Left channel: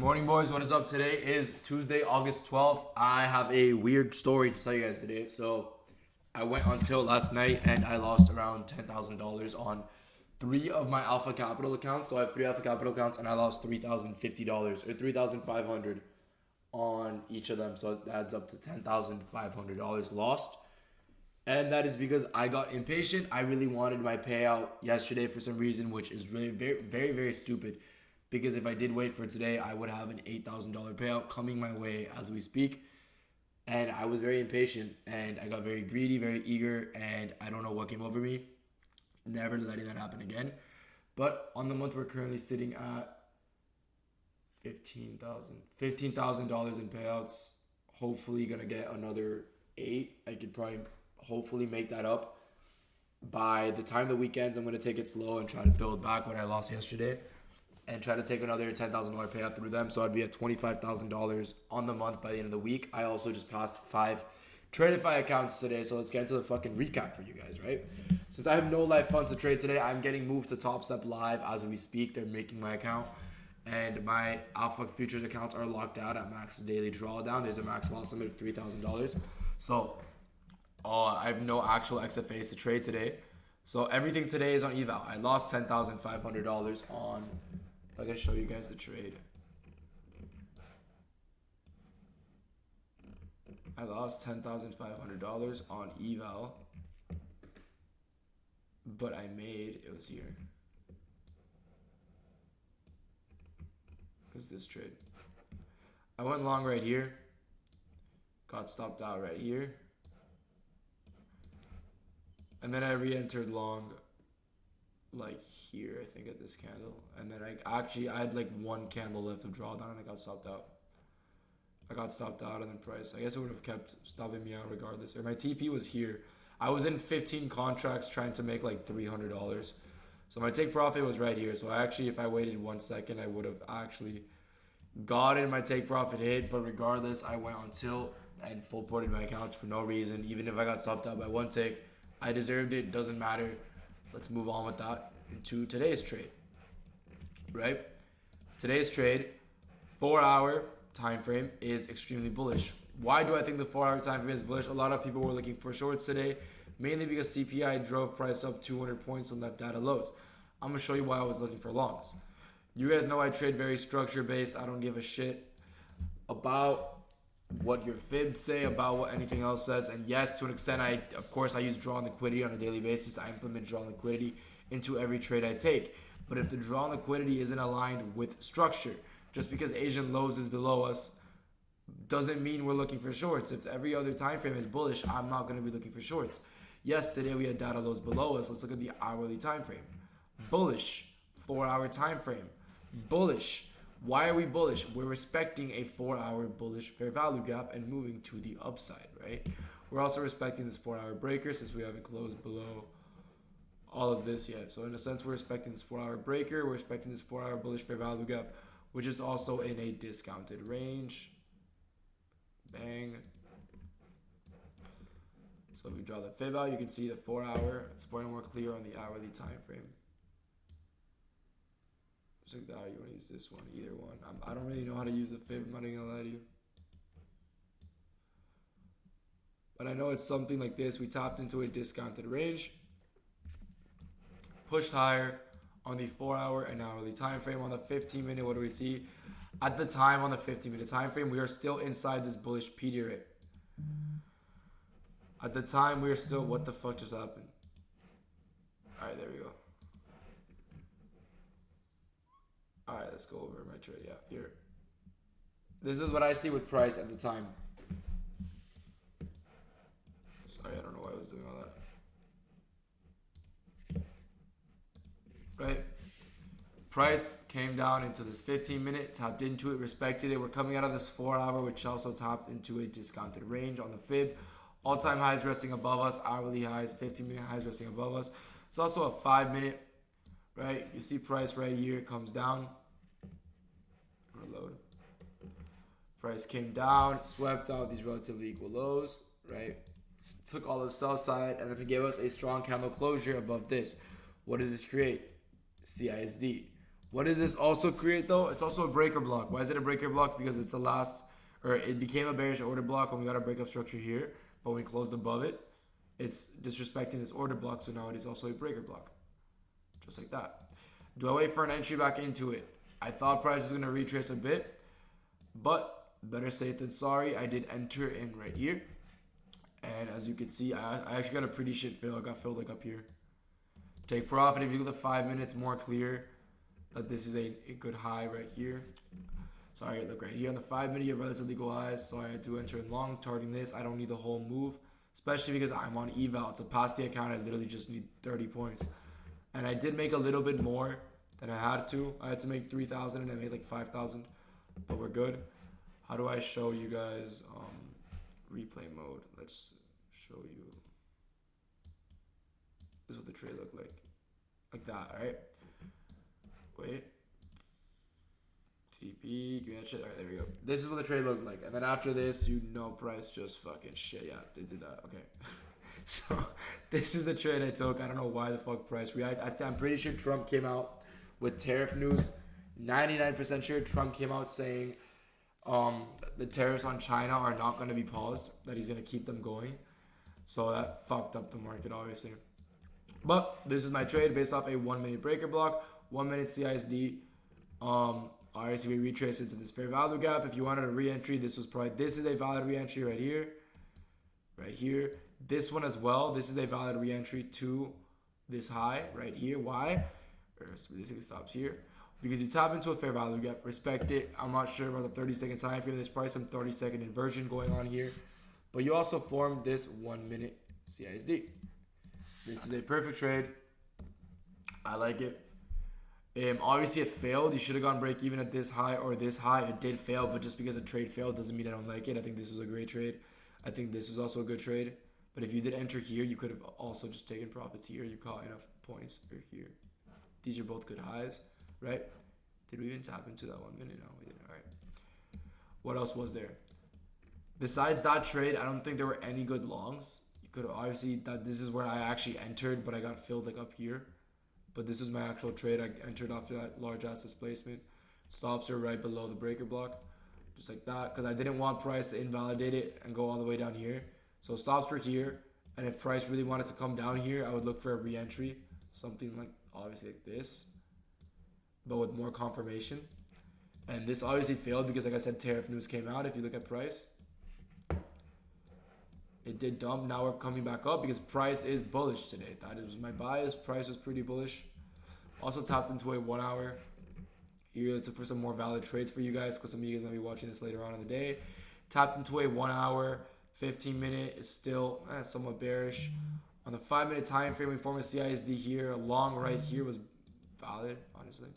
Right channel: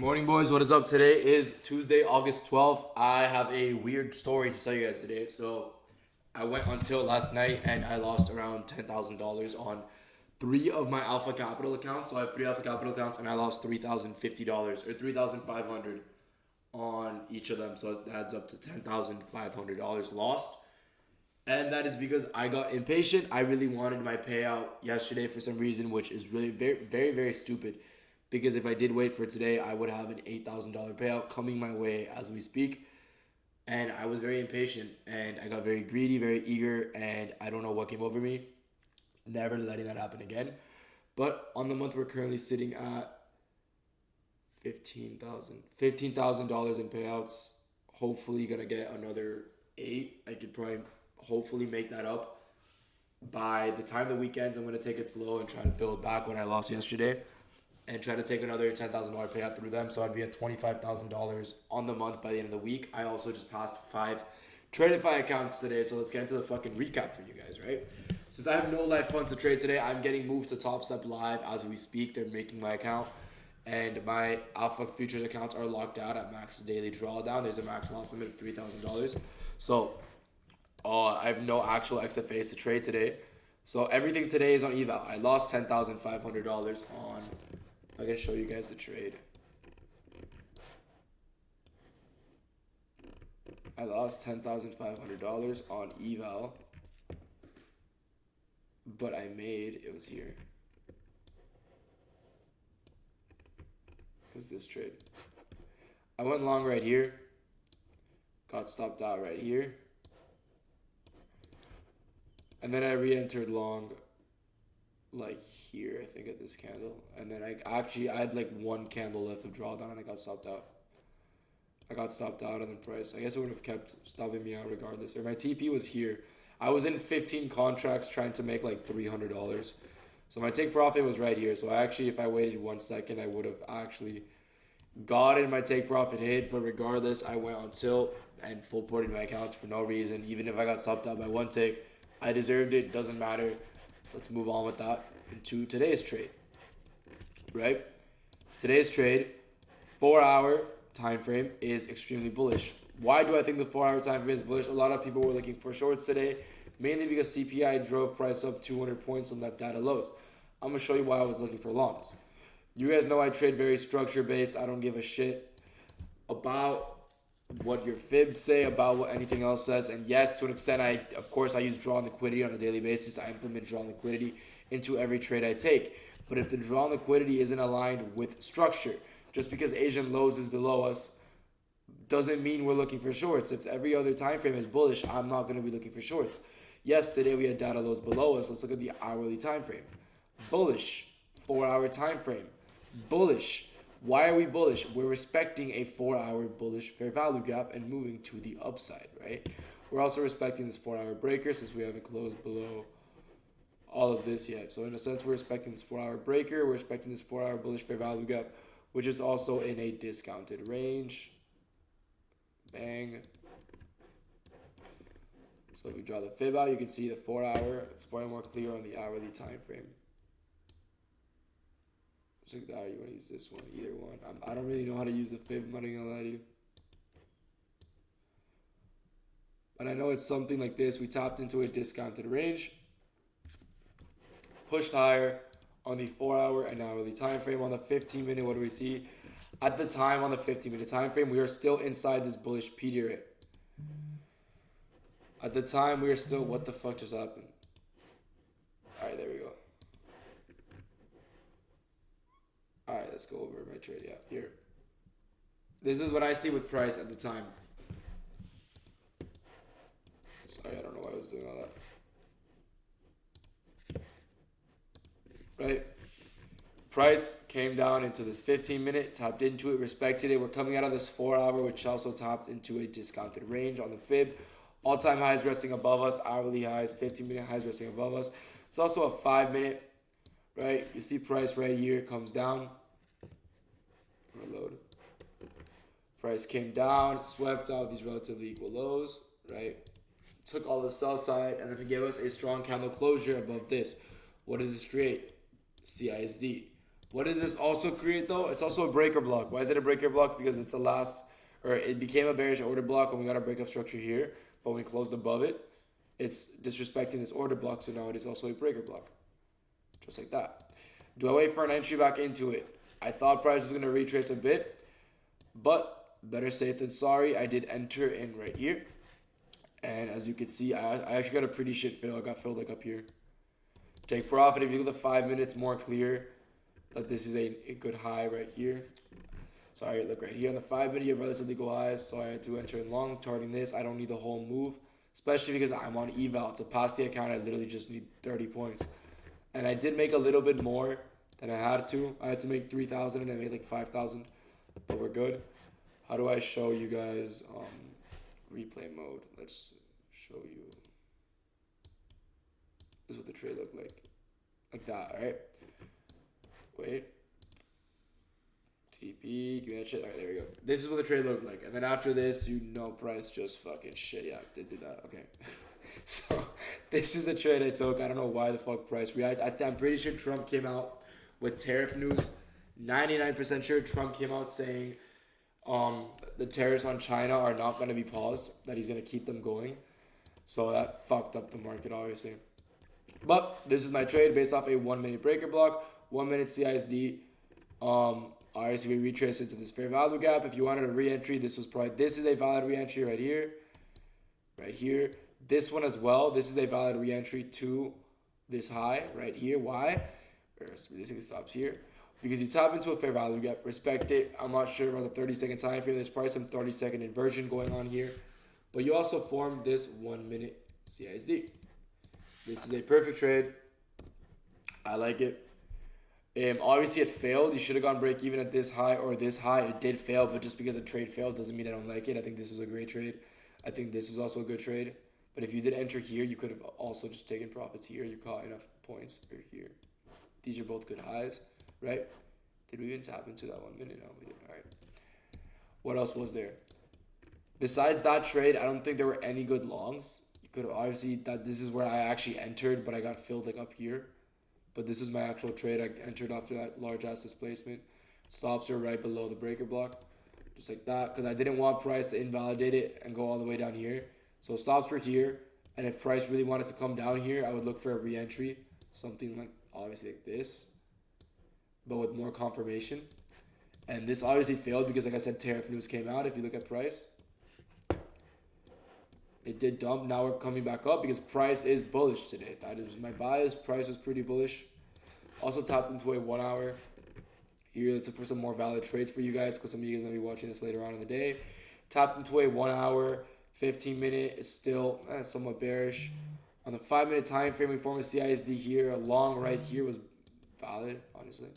Morning, boys. What is up? Today is Tuesday, August 12th. I have a weird story to tell you guys today. So I went until last night and I lost around $10,000 on three of my Alpha Capital accounts. So I have three Alpha Capital accounts and I lost $3,050 or $3,500 on each of them. So it adds up to $10,500 lost. And that is because I got impatient. I really wanted my payout yesterday for some reason, which is really very, very, very stupid. Because if I did wait for today, I would have an $8,000 payout coming my way as we speak. And I was very impatient and I got very greedy, very eager, and I don't know what came over me. Never letting that happen again. But on the month, we're currently sitting at $15,000 in payouts. Hopefully gonna get another 8. I could probably hopefully make that up. By the time the weekends, I'm gonna take it slow and try to build back what I lost yesterday. And try to take another $10,000 payout through them. So I'd be at $25,000 on the month by the end of the week. I also just passed 5 Tradify accounts today. So let's get into the fucking recap for you guys, right? Since I have no live funds to trade today, I'm getting moved to Top Step Live as we speak. They're making my account. And my Alpha Futures accounts are locked out at max daily drawdown. There's a max loss limit of $3,000. So I have no actual XFAs to trade today. So everything today is on eval. I lost $10,500 on... I can show you guys the trade. I lost $10,500 on eval, but I made, it was here. What's this trade? I went long right here, got stopped out right here, and then I re-entered long like here, I think, at this candle, and then I had like one candle left of drawdown and I got stopped out. And then price, I guess it would have kept stopping me out regardless. Or my TP was here. I was in 15 contracts trying to make like $300. So my take profit was right here. So I actually, if I waited 1 second, I would have actually gotten my take profit hit. But regardless, I went on tilt and full ported my accounts for no reason. Even if I got stopped out by 1 tick, I deserved it. Doesn't matter. Let's move on with that into today's trade, right? Today's trade, 4-hour time frame is extremely bullish. Why do I think the 4-hour time frame is bullish? A lot of people were looking for shorts today, mainly because CPI drove price up 200 points and left data lows. I'm going to show you why I was looking for longs. You guys know I trade very structure based. I don't give a shit about what your fibs say, about what anything else says. And yes, to an extent, of course I use draw liquidity on a daily basis. I implement draw liquidity into every trade I take. But if the draw liquidity isn't aligned with structure, just because Asian lows is below us doesn't mean we're looking for shorts. If every other time frame is bullish, I'm not going to be looking for shorts. Yes, today we had data lows below us. Let's look at the hourly time frame. Bullish. 4-hour time frame. Bullish. Why are we bullish? We're respecting a 4-hour bullish fair value gap and moving to the upside, right? We're also respecting this 4-hour breaker since we haven't closed below all of this yet. So in a sense, we're respecting this 4-hour breaker. We're respecting this 4-hour bullish fair value gap, which is also in a discounted range. Bang. So if we draw the fib out, you can see the 4-hour. It's probably more clear on the hourly time frame. You want to use this one, either one. I don't really know how to use the fib, I'm not going to lie to you. But I know it's something like this. We tapped into a discounted range. Pushed higher on the 4-hour and hourly time frame. On the 15-minute, what do we see? At the time, on the 15-minute time frame, we are still inside this bullish PD rate. At the time, we are still... What the fuck just happened? Alright, there we go. Alright, let's go over my trade. Yeah, here. This is what I see with price at the time. Sorry, I don't know why I was doing all that. Right? Price came down into this 15-minute, tapped into it, respected it. We're coming out of this 4-hour, which also tapped into a discounted range on the fib. All-time highs resting above us, hourly highs, 15-minute highs resting above us. It's also a 5-minute, right? You see price right here, it comes down. Reload. Price came down, swept out these relatively equal lows, right? Took all the sell side, and then it gave us a strong candle closure above this. What does this create? CISD. What does this also create though? It's also a breaker block. Why is it a breaker block? Because it's the last, or it became a bearish order block when we got a breakup structure here, but when we closed above it, it's disrespecting this order block, so now it is also a breaker block. Just like that. Do I wait for an entry back into it? I thought price was going to retrace a bit, but better safe than sorry. I did enter in right here. And as you can see, I actually got a pretty shit fill. I got filled like up here. Take profit. If you look at the 5 minutes, more clear that this is a good high right here. Sorry, look right here on the 5 minute, you have relatively good highs. So I had to enter in long, targeting this. I don't need the whole move, especially because I'm on eval. To pass the account, I literally just need 30 points. And I did make a little bit more than I had to. I had to make 3,000 and I made like 5,000, but we're good. How do I show you guys replay mode? Let's show you. This is what the trade looked like that. All right. Wait. TP, give me that shit. All right, there we go. This is what the trade looked like. And then after this, you know, price just fucking shit. Yeah, they did that. Okay. So this is the trade I took. I don't know why the fuck price reacted. I'm pretty sure Trump came out with tariff news. 99% sure Trump came out saying the tariffs on China are not going to be paused, that he's going to keep them going. So that fucked up the market, obviously. But this is my trade based off a 1 minute breaker block, 1 minute CISD. Obviously, we retrace into this fair value gap. If you wanted a re-entry, this is a valid re-entry right here. Right here. This one as well. This is a valid re-entry to this high right here. Why? Basically stops here. Because you tap into a fair value gap, respect it. I'm not sure about the 30-second time frame. There's probably some 30-second inversion going on here. But you also form this 1 minute CISD. This is a perfect trade. I like it. Obviously, it failed. You should have gone break even at this high or this high. It did fail, but just because a trade failed doesn't mean I don't like it. I think this was a great trade. I think this was also a good trade. But if you did enter here, you could have also just taken profits here. You caught enough points or here. These are both good highs, right? Did we even tap into that 1 minute? No, we didn't. All right. What else was there? Besides that trade, I don't think there were any good longs. You could have obviously that this is where I actually entered, but I got filled like up here. But this is my actual trade. I entered after that large ass displacement. Stops are right below the breaker block. Just like that. Because I didn't want price to invalidate it and go all the way down here. So stops were here. And if price really wanted to come down here, I would look for a re-entry. Something like, obviously like this. But with more confirmation. And this obviously failed because, like I said, tariff news came out. If you look at price. It did dump. Now we're coming back up because price is bullish today. That is my bias. Price is pretty bullish. Also tapped into a 1 hour. Here, let's look for some more valid trades for you guys because some of you guys might be watching this later on in the day. Tapped into a 1 hour. 15 minute is still somewhat bearish. On the 5 minute time frame, we form a CISD here. A long right here was valid, honestly.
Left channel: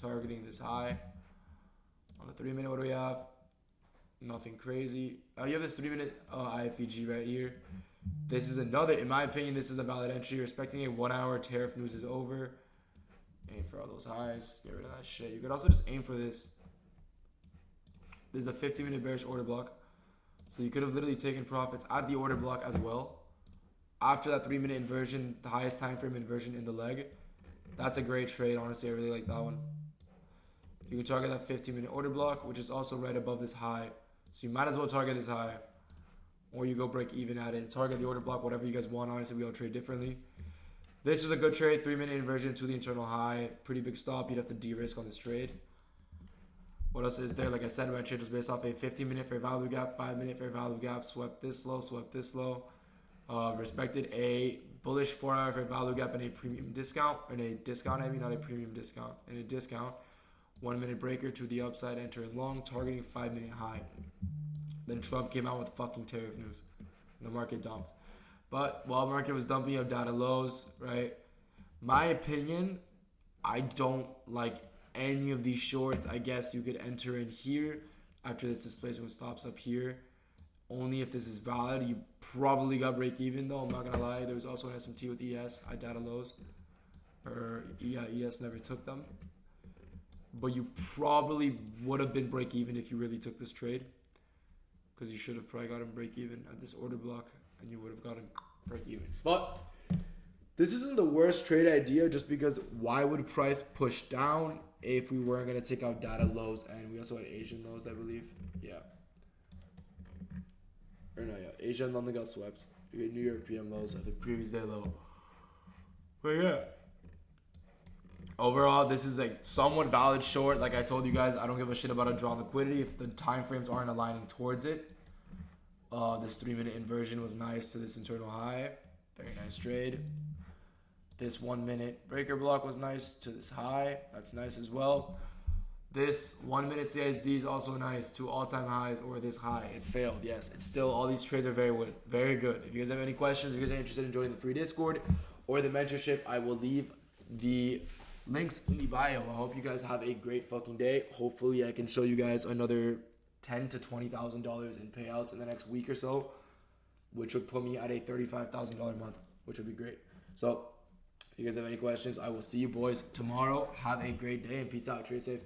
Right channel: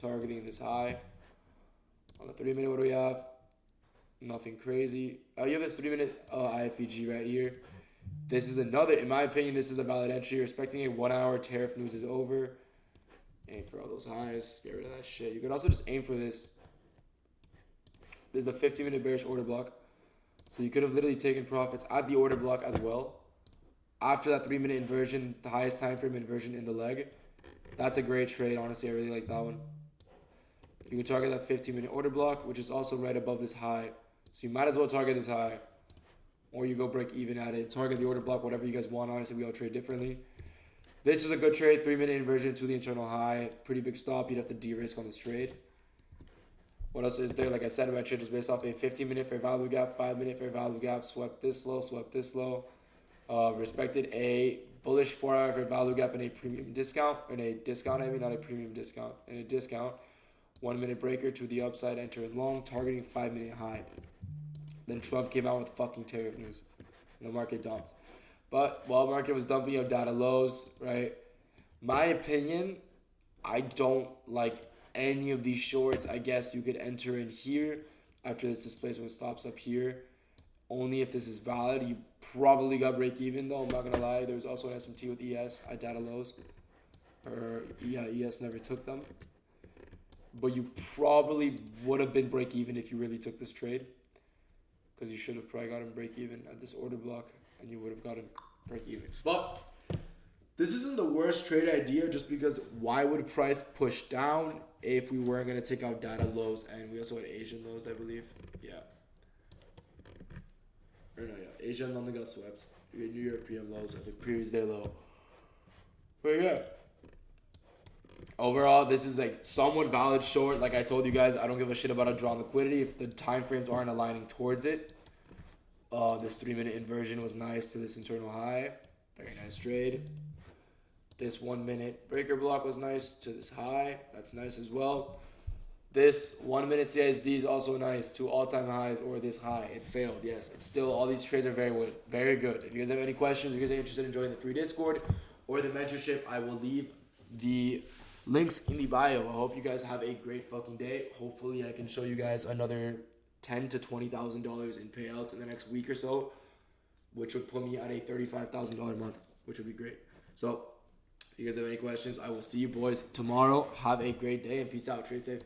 Targeting this high. On the 3 minute, what do we have? Nothing crazy. You have this 3 minute IFEG right here. This is another, in my opinion, this is a valid entry. Respecting a 1 hour tariff news is over. Aim for all those highs. Get rid of that shit. You could also just aim for this. This is a 15 minute bearish order block. So you could have literally taken profits at the order block as well. After that 3 minute inversion, the highest time frame inversion in the leg. That's a great trade. Honestly, I really like that one. You could target that 15 minute order block, which is also right above this high. So you might as well target this high. Or you go break even at it. Target the order block, whatever you guys want. Honestly, we all trade differently. This is a good trade. 3 minute inversion to the internal high. Pretty big stop. You'd have to de-risk on this trade. What else is there? Like I said, my trade was based off a 15 minute fair value gap, 5 minute fair value gap. Swept this low, swept this low. Respected a bullish 4 hour fair value gap and a premium discount. And a discount, I mean, not a premium discount. And a discount. 1 minute breaker to the upside, entering long, targeting 5 minute high. Then Trump came out with fucking tariff news. And the market dumped. But while market was dumping, you have data lows, right? My opinion, I don't like any of these shorts. I guess you could enter in here after this displacement stops up here. Only if this is valid. You probably got break even though, I'm not gonna lie. There was also an SMT with ES at data lows. Or yeah, ES never took them. But you probably would have been break even if you really took this trade. Because you should have probably gotten break even at this order block. And you would have gotten break even. But This isn't the worst trade idea just because why would price push down if we weren't going to take out data lows, and we also had Asian lows, I believe. Yeah. Or no, yeah. Asia and London got swept. We had New European lows at the previous day low. But yeah. Overall, this is like somewhat valid short. Like I told you guys, I don't give a shit about a draw on liquidity if the time frames aren't aligning towards it. This 3-minute inversion was nice to this internal high. Very nice trade. This 1-minute breaker block was nice to this high. That's nice as well. This 1-minute CISD is also nice to all-time highs or this high. It failed. Yes, it's still, all these trades are very good. If you guys have any questions, if you guys are interested in joining the free Discord or the mentorship, I will leave the links in the bio. I hope you guys have a great fucking day. Hopefully I can show you guys another $10,000 to $20,000 in payouts in the next week or so, which would put me at a $35,000 month, which would be great. So if you guys have any questions, I will see you boys tomorrow. Have a great day and peace out. Trade safe.